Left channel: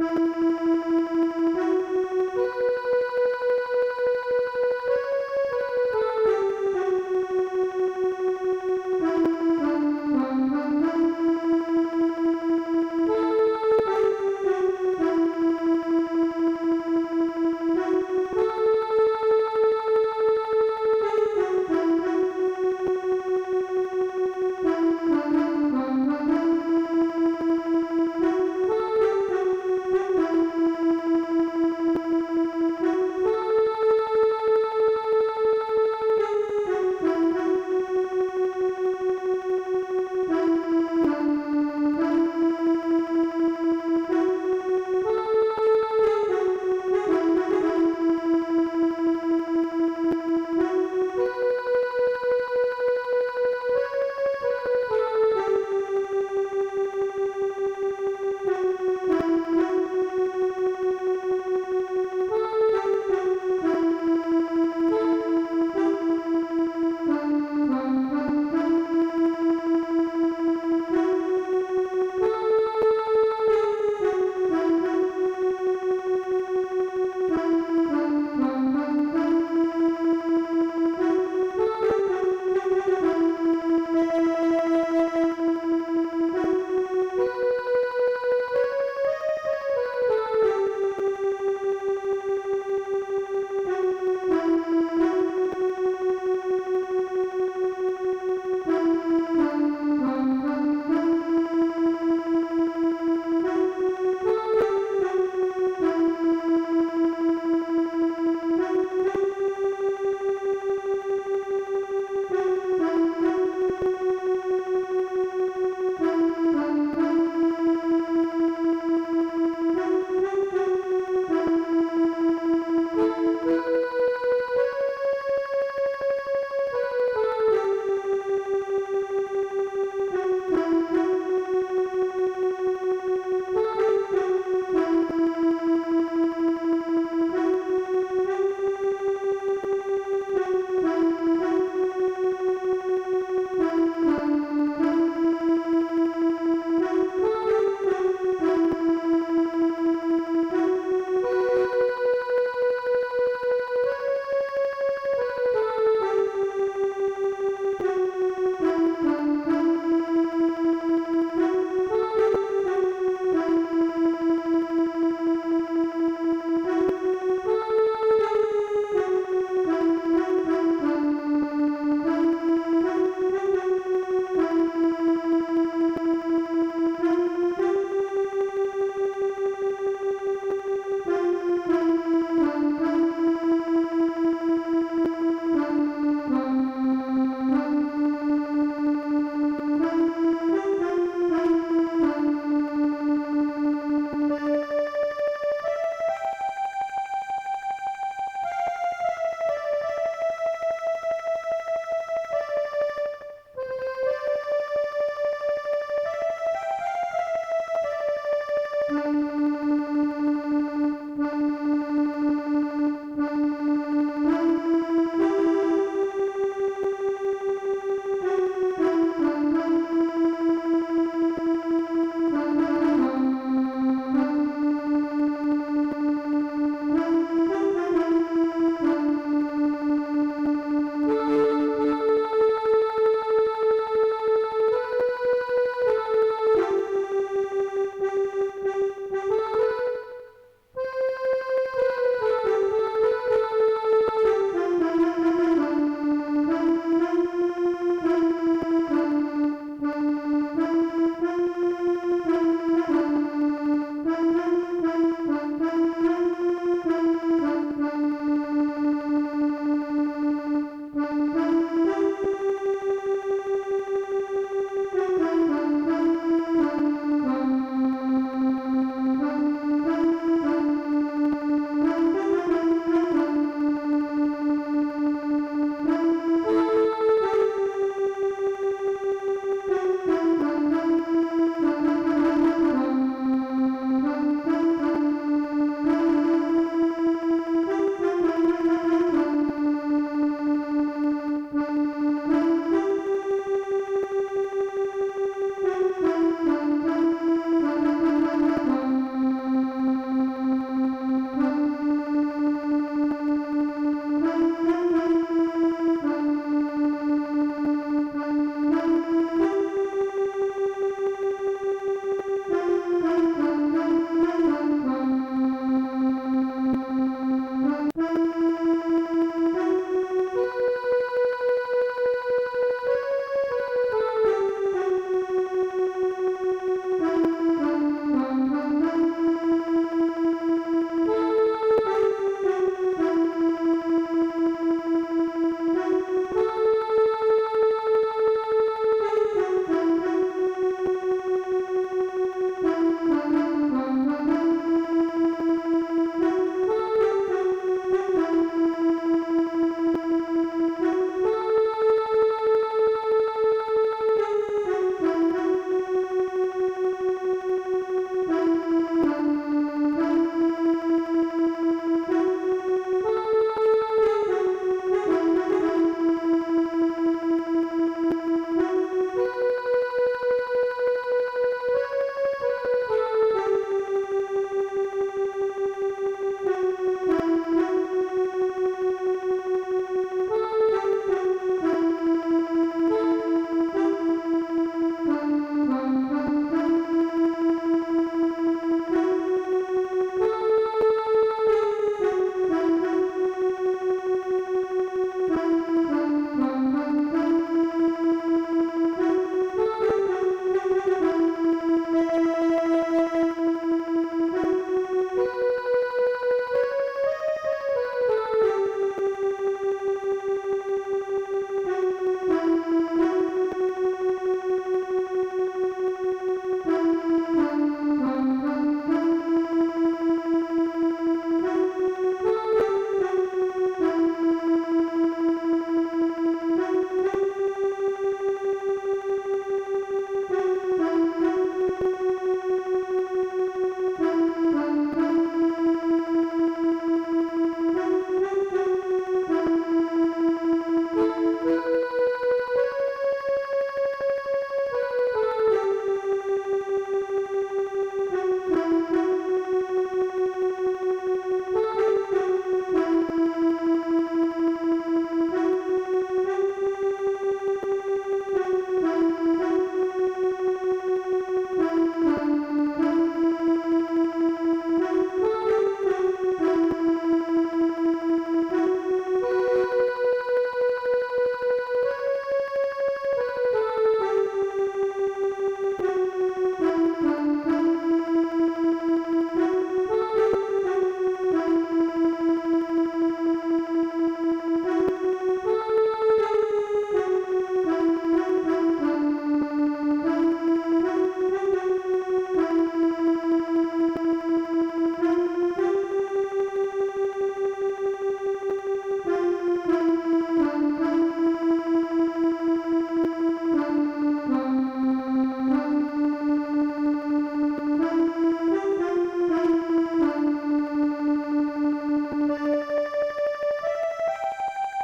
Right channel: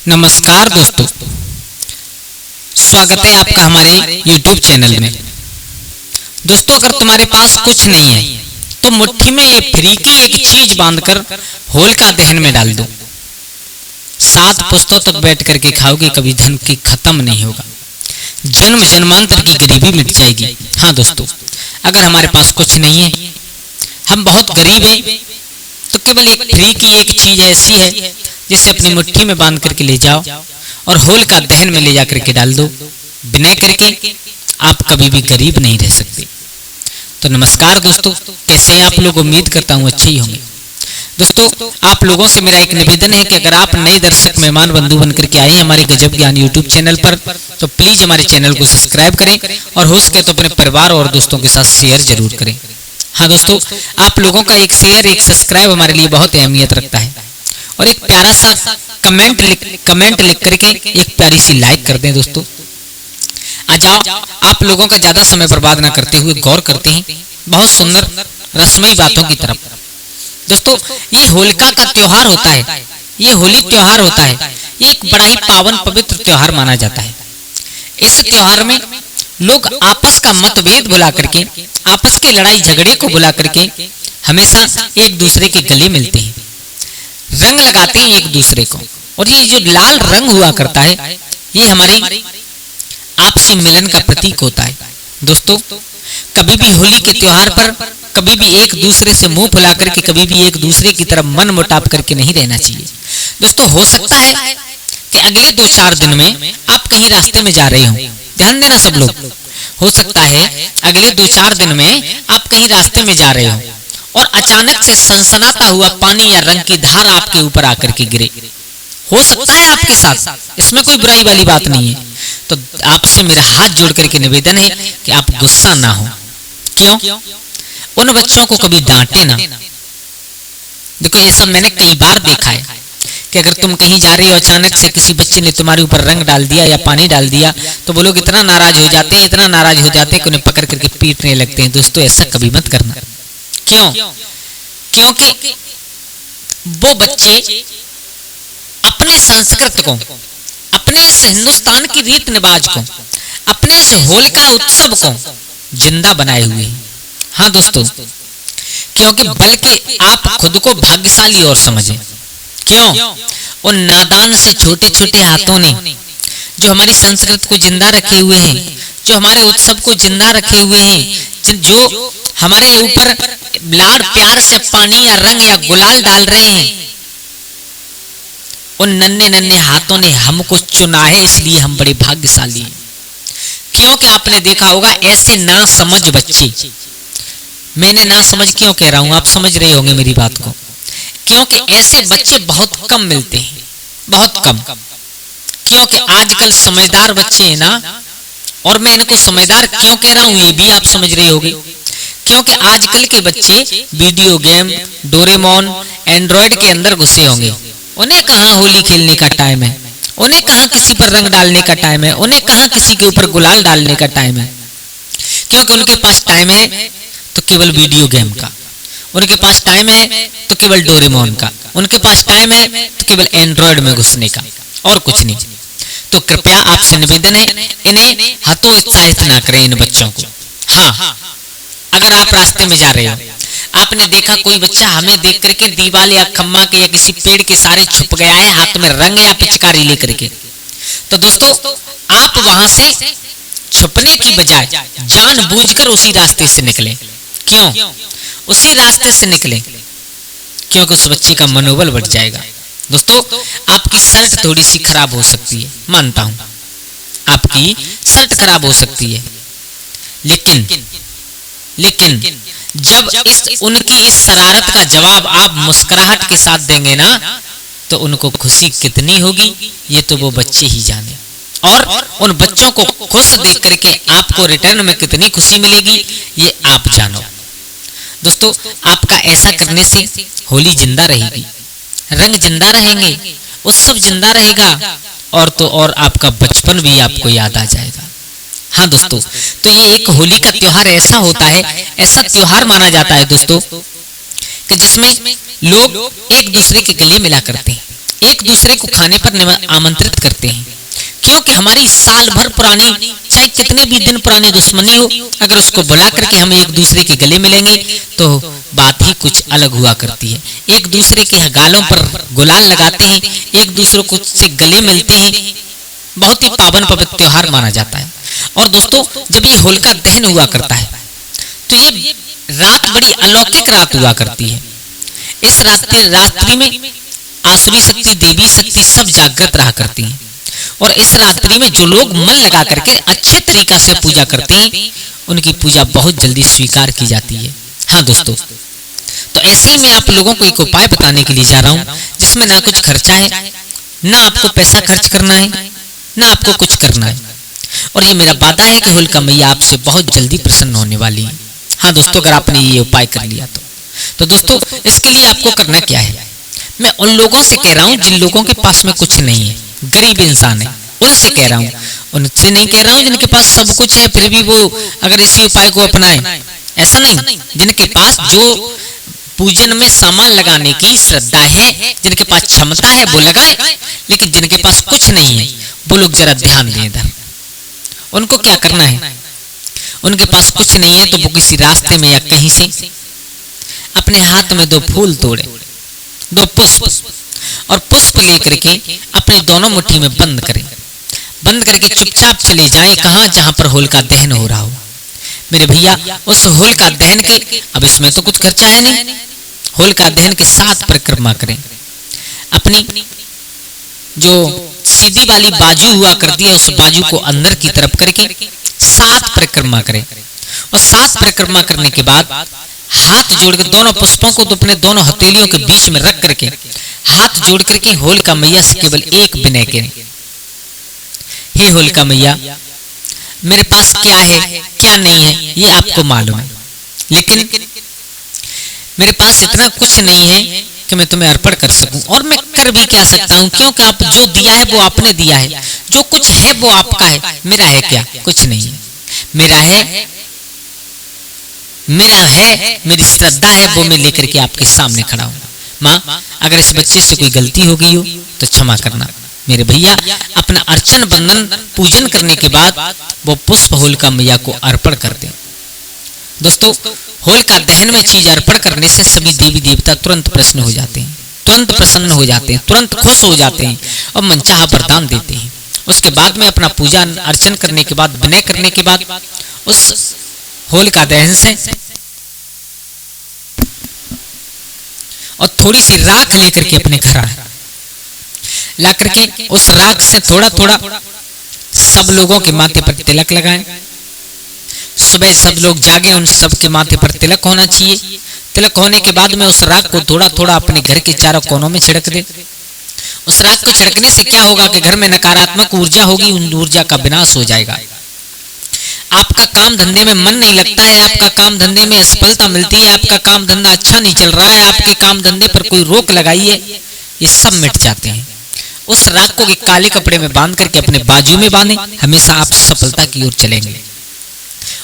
नमस्कार दोस्तों, स्वागत है आपका हमारे YouTube चैनल में। दोस्तों, अगर तुम्हारे पास कुछ नहीं है तो मुट्ठी में ये फ्री की एक चीज बांधकर होलिका दहन में डाल दो। 7 पुस्तों तक बैठ करके खाओगे, कभी धन की खत्म नहीं होगा, जन्म जन्मांतर की गरीबी मिट जाएगी। हाँ दोस्तों, अगर हमारे पास कुछ नहीं है, हम बहुत गरीब हैं, तो केवल एक फ्री की एक चीज ऐसी है जिसे अपनी मुट्ठी में बांध करके ले जाओ और होलिका दहन में ले जा करके डाल दो। विनय करके आप कभी भी गरीब नहीं रह सकते। तो नमस्कार दोस्तों, कैसे हैं आप लोग? उम्मीद करता हूँ अच्छे ही होंगे। दोस्तों, आप लोगों से मेरा एक निवेदन है कि अगर आप नए दर्शक मेहमान बंधु बन करके आए हैं हमारे गजब ज्ञान यूट्यूब चैनल पर, तो प्लीज हमारे चैनल को सब्सक्राइब करें और हो सके तो अपने परिवार और दोस्तों के साथ शेयर जरूर करें। हाँ दोस्तों, आप लोगों का एक शेयर, एक सब्सक्राइब हमारे लिए बहुत अहमियत रखता है। और एक प्यारा सा कमेंट लिख करके एक प्यारी सी लाइक कर दें। दोस्तों, आ जाओ, आप लोगों का ज्यादा समय बर्बाद ना करते हुए गौर करते हैं बहुत सुंदर रसमयी बातों की तरफ। दोस्तों, ये होलिका का त्योहार होता है, ये होली त्योहार होता है, ये एक बड़ा ही पावन पवित्र त्योहार माना जाता है। इस त्योहार में लोग आपस का मतभेद भुला करके, आपस के लड़ाई झगड़े को भुला करके हमेशा एक दूसरे के गले मिलते हैं, रंग लगाते हैं एक दूसरे को। और ये जो लाल रंग हुआ करता है, ये हमारे आपसी मिलन का प्रतीक होता है। दोस्तों, कभी भी होली के त्योहार पर कभी भी एक दूसरे से मुंह फुला करके, कभी भी एक दूसरे की तरफ मन मुटाव करके नहीं रहना चाहिए। दोस्तों, हो सकता है कि अगले 2-4 दिन में आप कहीं रास्ते में जा रहे हो, ध्यान देना सब लोग। हो सकता है अगले 2-4 दिन में आप कहीं रास्ते में जा रहे हो और अचानक से सनसनाता हुआ पानी या रंग की धार आपके ऊपर आकर के गिरे। हो सकता है आपके साथ, इसमें कोई बुराई वाली बात नहीं है। तो आपसे मेरा हाथ जोड़ करके निवेदन है कि आप गुस्सा ना हो। क्यों? उन बच्चों को कभी डांटे ना। देखो, ये सब मैंने कई बार देखा है कि अगर तुम कहीं जा रही हो, अचानक से किसी बच्चे ने तुम्हारे ऊपर रंग डाल दिया या पानी डाल दिया, तो वो लोग इतना नाराज हो जाते हैं, इतना नाराज हो जाते हैं कि उन्हें पकड़ करके पीटने लगते हैं। दोस्तों, ऐसा कभी मत करना। क्यों? क्योंकि वो बच्चे अपने संस्कृत को, अपने इस हिंदुस्तान की रीत रिवाज को, अपने इस होलिका उत्सव को जिंदा बनाए हुए हैं। हाँ दोस्तों, क्योंकि बल्कि आप खुद को भाग्यशाली और समझें। क्यों? उन नादान से छोटे छोटे हाथों ने जो हमारी संस्कृति को जिंदा रखे हुए हैं, जो हमारे उत्सव को जिंदा रखे हुए हैं, जो हमारे ऊपर लाड प्यार से पानी या रंग या गुलाल डाल रहे हैं, उन नन्हे नन्हे हाथों ने हमको चुना है, इसलिए हम बड़े भाग्यशाली हैं। क्योंकि आपने देखा होगा ऐसे ना समझ बच्चे, मैंने ना समझ क्यों कह रहा हूं, आप समझ रहे होंगे मेरी बात को। क्योंकि ऐसे बच्चे बहुत कम मिलते हैं, बहुत कम। क्योंकि आजकल समझदार बच्चे हैं ना, और मैं इनको समझदार क्यों कह रहा हूं ये भी आप समझ रहे होंगे। क्योंकि आजकल के बच्चे वीडियो गेम, डोरेमोन, एंड्रॉयड के अंदर घुसे होंगे। उन्हें कहां होली खेलने का टाइम है, उन्हें कहां किसी पर रंग डालने का टाइम है, उन्हें कहां किसी के ऊपर गुलाल डालने का टाइम है। क्योंकि उनके पास टाइम है तो केवल वीडियो गेम का, उनके पास टाइम है तो केवल डोरेमोन का, उनके पास टाइम है तो केवल एंड्रॉयड में घुसने का, और कुछ नहीं। तो कृपया आपसे निवेदन है, इन्हें हतोत्साहित ना करें इन बच्चों को। हाँ, अगर आप रास्ते में जा रहे हो, आपने देखा कोई बच्चा हमें देख करके दीवार या खम्मा के या किसी पेड़ के सारे छुप गया है हाथ में रंग या पिचकारी लेकर के, तो दोस्तों आप वहां से छुपने की बजाय जानबूझकर उसी रास्ते से निकले। क्यों? उसी रास्ते से निकले क्योंकि उस बच्चे का मनोबल बढ़ जाएगा। दोस्तों, आपकी शर्ट थोड़ी सी खराब हो सकती है, मानता हूं, आपकी शर्ट खराब हो सकती है, लेकिन जब उनकी इस शरारत का जवाब आप मुस्कुराहट के साथ देंगे ना, तो उनको खुशी कितनी होगी ये तो वो बच्चे ही जाने। और उन बच्चों को खुश देख करके आपको रिटर्न में कितनी खुशी मिलेगी ये आप जानो। दोस्तों, आपका ऐसा करने से होली जिंदा रहेगी, रंग जिंदा रहेंगे, उत्सव जिंदा रहेगा, और तो और आपका बचपन भी आपको याद आ जाएगा। हाँ दोस्तों, तो ये एक होली का त्योहार ऐसा होता है, ऐसा त्योहार माना जाता है दोस्तों कि जिसमें लोग एक दूसरे के गले मिला करते हैं, एक दूसरे को खाने पर आमंत्रित करते हैं, क्योंकि हमारी साल भर पुरानी चाहे कितने भी दिन पुरानी दुश्मनी हो, अगर उसको बुला करके हम एक दूसरे के गले मिलेंगे तो बात ही कुछ अलग हुआ करती है। एक दूसरे के गालों पर गुलाल लगाते हैं, एक दूसरे को से गले मिलते हैं, बहुत ही पावन पवित्र त्योहार माना जाता है। और दोस्तों, जब ये होलिका दहन हुआ करता है तो ये रात बड़ी अलौकिक रात हुआ करती है। इस रात्रि में आसुरी शक्ति, देवी शक्ति सब जागृत रहा करती है। और इस रात्रि में जो लोग मन लगा करके अच्छे तरीका से पूजा करते हैं, उनकी पूजा बहुत जल्दी स्वीकार की जाती है। हाँ दोस्तों, तो ऐसे ही मैं आप लोगों को एक उपाय बताने के लिए जा रहा हूँ, जिसमें ना कुछ खर्चा है, ना आपको पैसा खर्च करना है, ना आपको कुछ करना है। और ये मेरा वादा है कि होलिका मैया आपसे बहुत जल्दी प्रसन्न होने वाली है। हाँ दोस्तों, अगर आपने ये उपाय कर लिया तो दोस्तों, इसके लिए आपको करना क्या है, मैं उन लोगों से कह रहा हूँ जिन लोगों के पास में कुछ नहीं है, गरीब इंसान है, उनसे कह रहा हूँ। उनसे नहीं कह रहा हूँ जिनके पास सब कुछ है फिर भी वो अगर इसी उपाय को अपनाए, ऐसा नहीं। जिनके पास जो पूजन में सामान लगाने की श्रद्धा है, जिनके पास क्षमता है वो लगाए, लेकिन जिनके पास कुछ नहीं है वो लोग जरा ध्यान दें इधर। उनको क्या करना है, उनके पास कुछ नहीं है तो वो किसी रास्ते में या कहीं से अपने हाथ में 2 फूल तोड़े, 2 पुष्प, और पुष्प लेकर के अपनी दोनों मुट्ठी में बंद करें। बंद करके चुपचाप चले जाएं कहां, जहां पर होलिका दहन हो रहा हो। मेरे भैया, उस होलिका दहन के, अब इसमें तो कुछ खर्चा है नहीं, होलिका दहन के 7 परिक्रमा करें। अपनी जो सीधी वाली बाजू हुआ करती है, उस बाजू को अंदर की तरफ करके 7 परिक्रमा करें। और 7 परिक्रमा करने के बाद हाथ जोड़कर दोनों पुष्पों को तो अपने दोनों हथेलियों के बीच में रख करके हाथ जोड़ करके होलिका मैया से केवल एक विनय करें, हे होलिका मैया, मेरे पास क्या है क्या नहीं है ये आपको मालूम है, लेकिन मेरे पास इतना कुछ नहीं है कि मैं तुम्हें अर्पण कर सकूं, और मैं कर भी क्या सकता हूं, क्योंकि आप जो दिया है वो आपने दिया है, जो कुछ है वो आपका है, मेरा है क्या, कुछ नहीं है। मेरा है मेरी श्रद्धा है, वो मैं लेकर के आपके सामने खड़ा हूं। माँ, अगर इस बच्चे से कोई गलती हो गई हो तो क्षमा करना। मेरे भैया, अपना अर्चन बंदन पूजन करने के बाद वो पुष्प होलिका मैया को अर्पण कर दें। दोस्तों, होलिका दहन में चीज अर्पण करने से सभी देवी देवता तुरंत प्रसन्न हो जाते हैं, तुरंत प्रसन्न हो जाते हैं, तुरंत खुश हो जाते हैं और मनचाहा वरदान देते हैं। उसके बाद में अपना पूजा अर्चन करने के बाद, विनय करने के बाद, उस होलिका दहन से और थोड़ी सी राख लेकर के अपने घर आए, ला करके उस राख से थोड़ा थोड़ा सब लोगों के माथे पर तिलक लगाएं। सुबह सब लोग जागे, उन सब के माथे पर तिलक होना चाहिए। तिलक होने के बाद में उस राख को थोड़ा थोड़ा अपने घर के चारों कोनों में छिड़क दे। उस राख को छिड़कने से क्या होगा कि घर में नकारात्मक ऊर्जा होगी, उन ऊर्जा का विनाश हो जाएगा। आपका काम धंधे में मन नहीं लगता है, आपका काम धंधे में असफलता मिलती है, आपका काम धंधा अच्छा नहीं चल रहा है, आपके काम धंधे पर कोई रोक लगाई है, ये सब मिट जाते हैं। उस राख को एक काले कपड़े में बांध करके अपने बाजू में बांधें, हमेशा आप सफलता की ओर चलेंगे।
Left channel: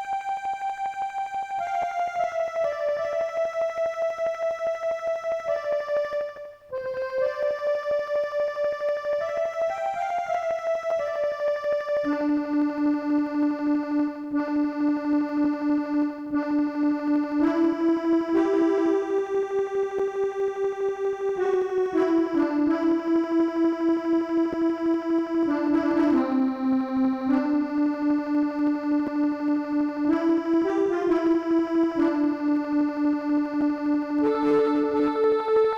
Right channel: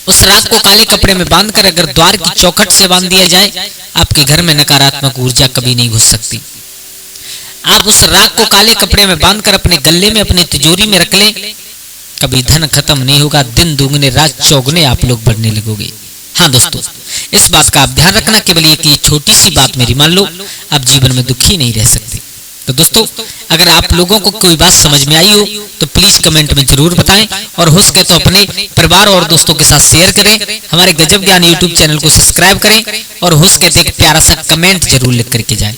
उस राख को काले कपड़े में बांधकर अगर द्वार की चौखट से बांध दिया जाए, आपके घर में नकारात्मक ऊर्जा कभी नहीं घुस सकती। आप उस राख को काले कपड़े में बांधकर अपने गले में, अपने तिजोरी में रख लें, कभी धन खत्म नहीं होगा, दिन दुगने रात चौगुने आप लोग बढ़ने लगोगे। हाँ दोस्तों, इस बात का आप ध्यान रखना, केवल एक ये छोटी सी बात मेरी मान लो, आप जीवन में दुखी नहीं रह सकते। तो दोस्तों, अगर आप लोगों को कोई बात समझ में आई हो तो प्लीज कमेंट में जरूर बताएं, और हो सके तो अपने परिवार और दोस्तों के साथ शेयर करें। हमारे गजब ज्ञान यूट्यूब चैनल को सब्सक्राइब करें, और हो सके तो एक प्यारा सा कमेंट जरूर लिख करके जाए।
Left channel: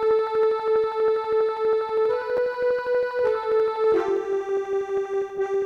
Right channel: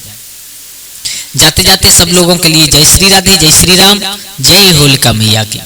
जाते जाते सब लोगों के लिए जय श्री राधे, जय श्री राम, जय होलिका मैया की।